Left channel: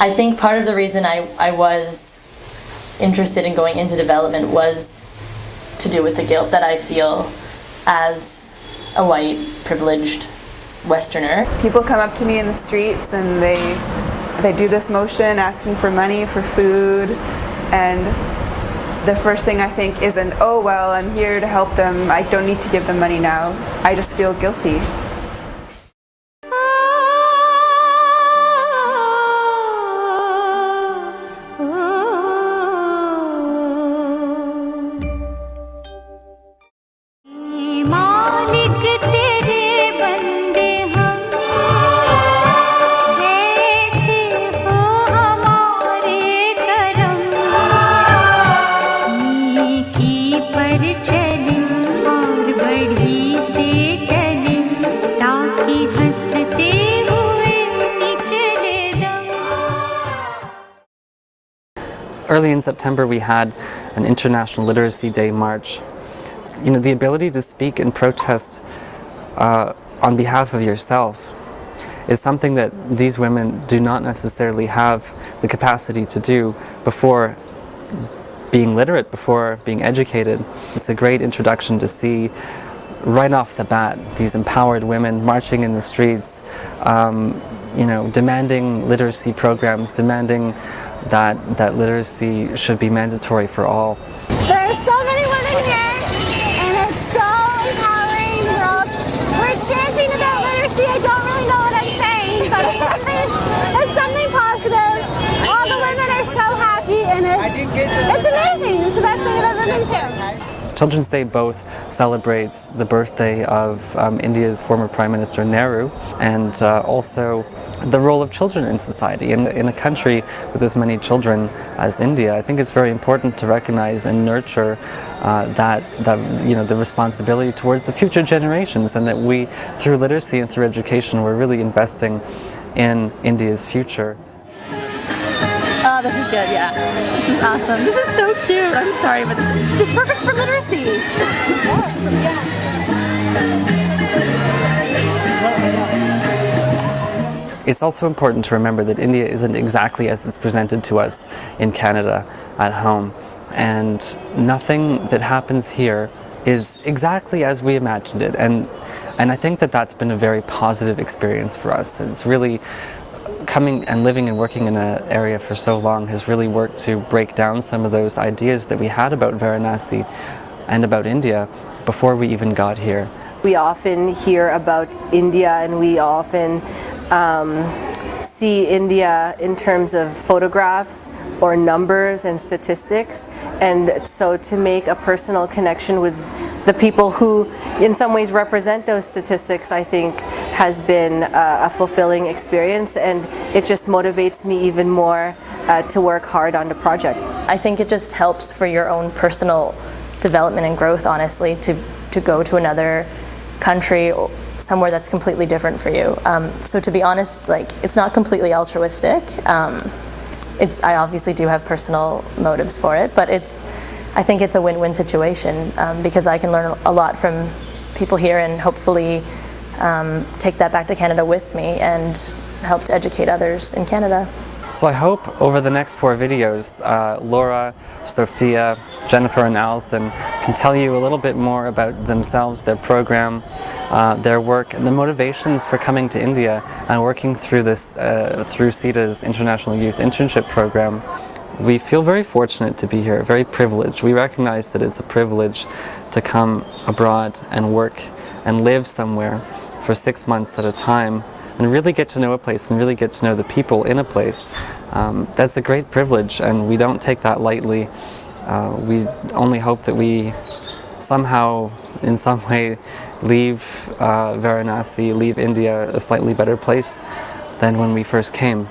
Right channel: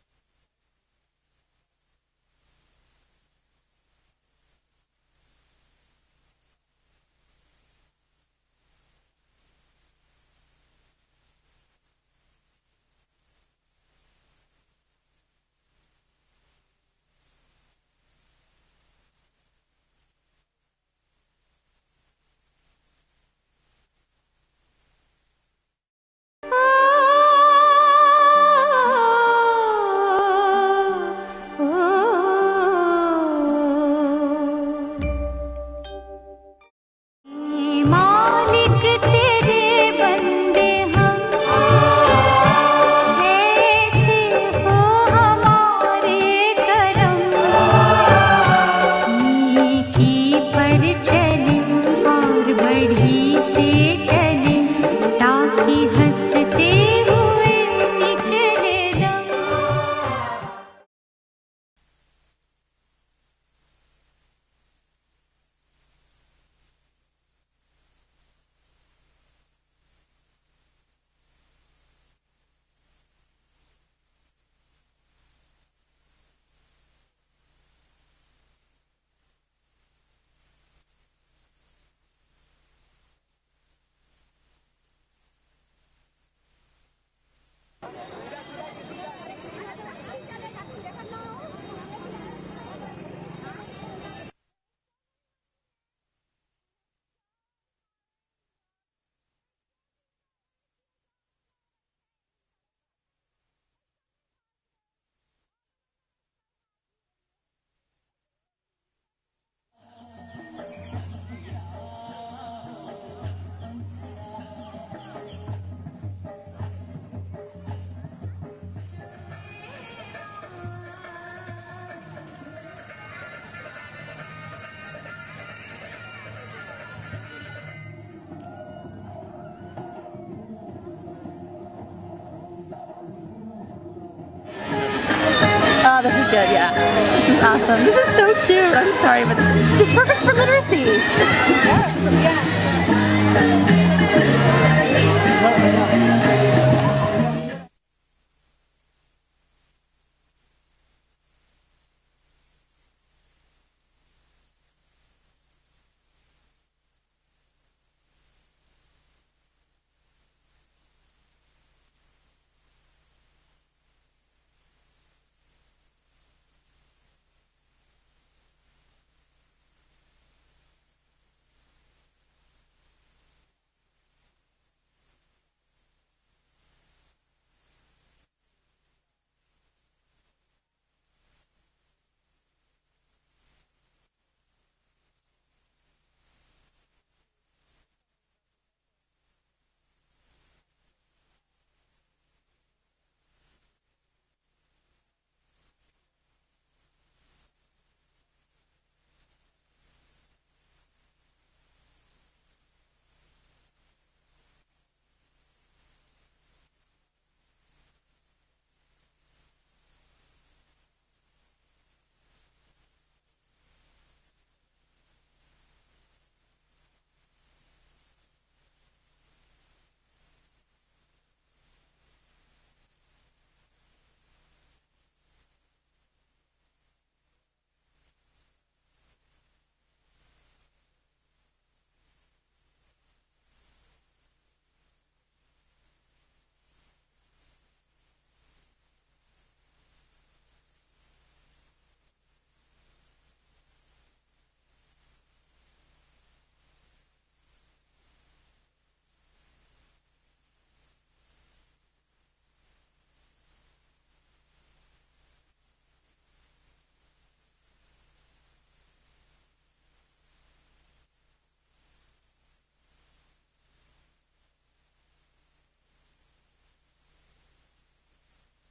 I think part of the reason I was interested in going into development was to do with the guilt that I feel as a white, privileged Westerner. People come up to me in the streets and they do this motion asking for money, for food, and the first thing I think isn't, oh well, I'm here to help them, I don't need to give them money now. I just feel guilty. Early in September, we had an International Literacy Day march. You know, the ability to speak and protest on behalf of yourself is something that these women do not necessarily have the capacity to do before being literate, before being educated. It's a great introduction to see right off the bat these empowered women marching in the streets, you know, demanding literacy programs, demanding that literacy should be mandatory for all. There are so many women here, and it's so empowering. We're chanting about literacy. I don't really know what I'm saying, but it's something positive. All the women are so happy, and it's amazing. It's the best thing I've ever been to. Children's Day both celebrates the birthday of India's former Prime Minister Nehru, and also the role of children in society. In a country with as many children as India, I think it's very important to recognize and nurture that you know, the responsibility towards the future generations, and that we, through literacy and through education, we're really investing in India's future. Oh, this is good, yeah. This is awesome. This is so cute. I'm sorry, but this is perfect for literacy. It's also important to remember that India isn't exactly as it's presented to us in Canada at home, and nothing that happens here is exactly as we imagined it, and I think that that's been a very positive experience for us. It's really coming and living and working in an area for so long has really worked to break down some of those ideas that we had about Varanasi and about India before we even got here. We often hear about India, and we often see India in terms of photographs or numbers and statistics, and so to make a personal connection with the people who in some ways represent those statistics, I think has been a fulfilling experience, and it just motivates me even more to work hard on the project. I think it just helps for your own personal development and growth, honestly, to go to another country, somewhere that's completely different for you. So to be honest, like, it's not completely altruistic. I obviously do have personal motives for it, but I think it's a win-win situation because I can learn a lot from people here and hopefully take that back to Canada with me and help to educate others in Canada. So I hope over the next 4 videos, Laura, Sophia, Jennifer and Allison can tell you a little bit more about themselves, their program, their work, and the motivations for coming to India and working through this, through CETA's International Youth Internship Program. We feel very fortunate to be here, very privileged. We recognize that it's a privilege to come abroad and work and live somewhere for 6 months at a time and really get to know a place and really get to know the people in a place. That's a great privilege, and we don't take that lightly. We only hope that we somehow, in some way, leave Varanasi, leave India a slightly better place than when we first came.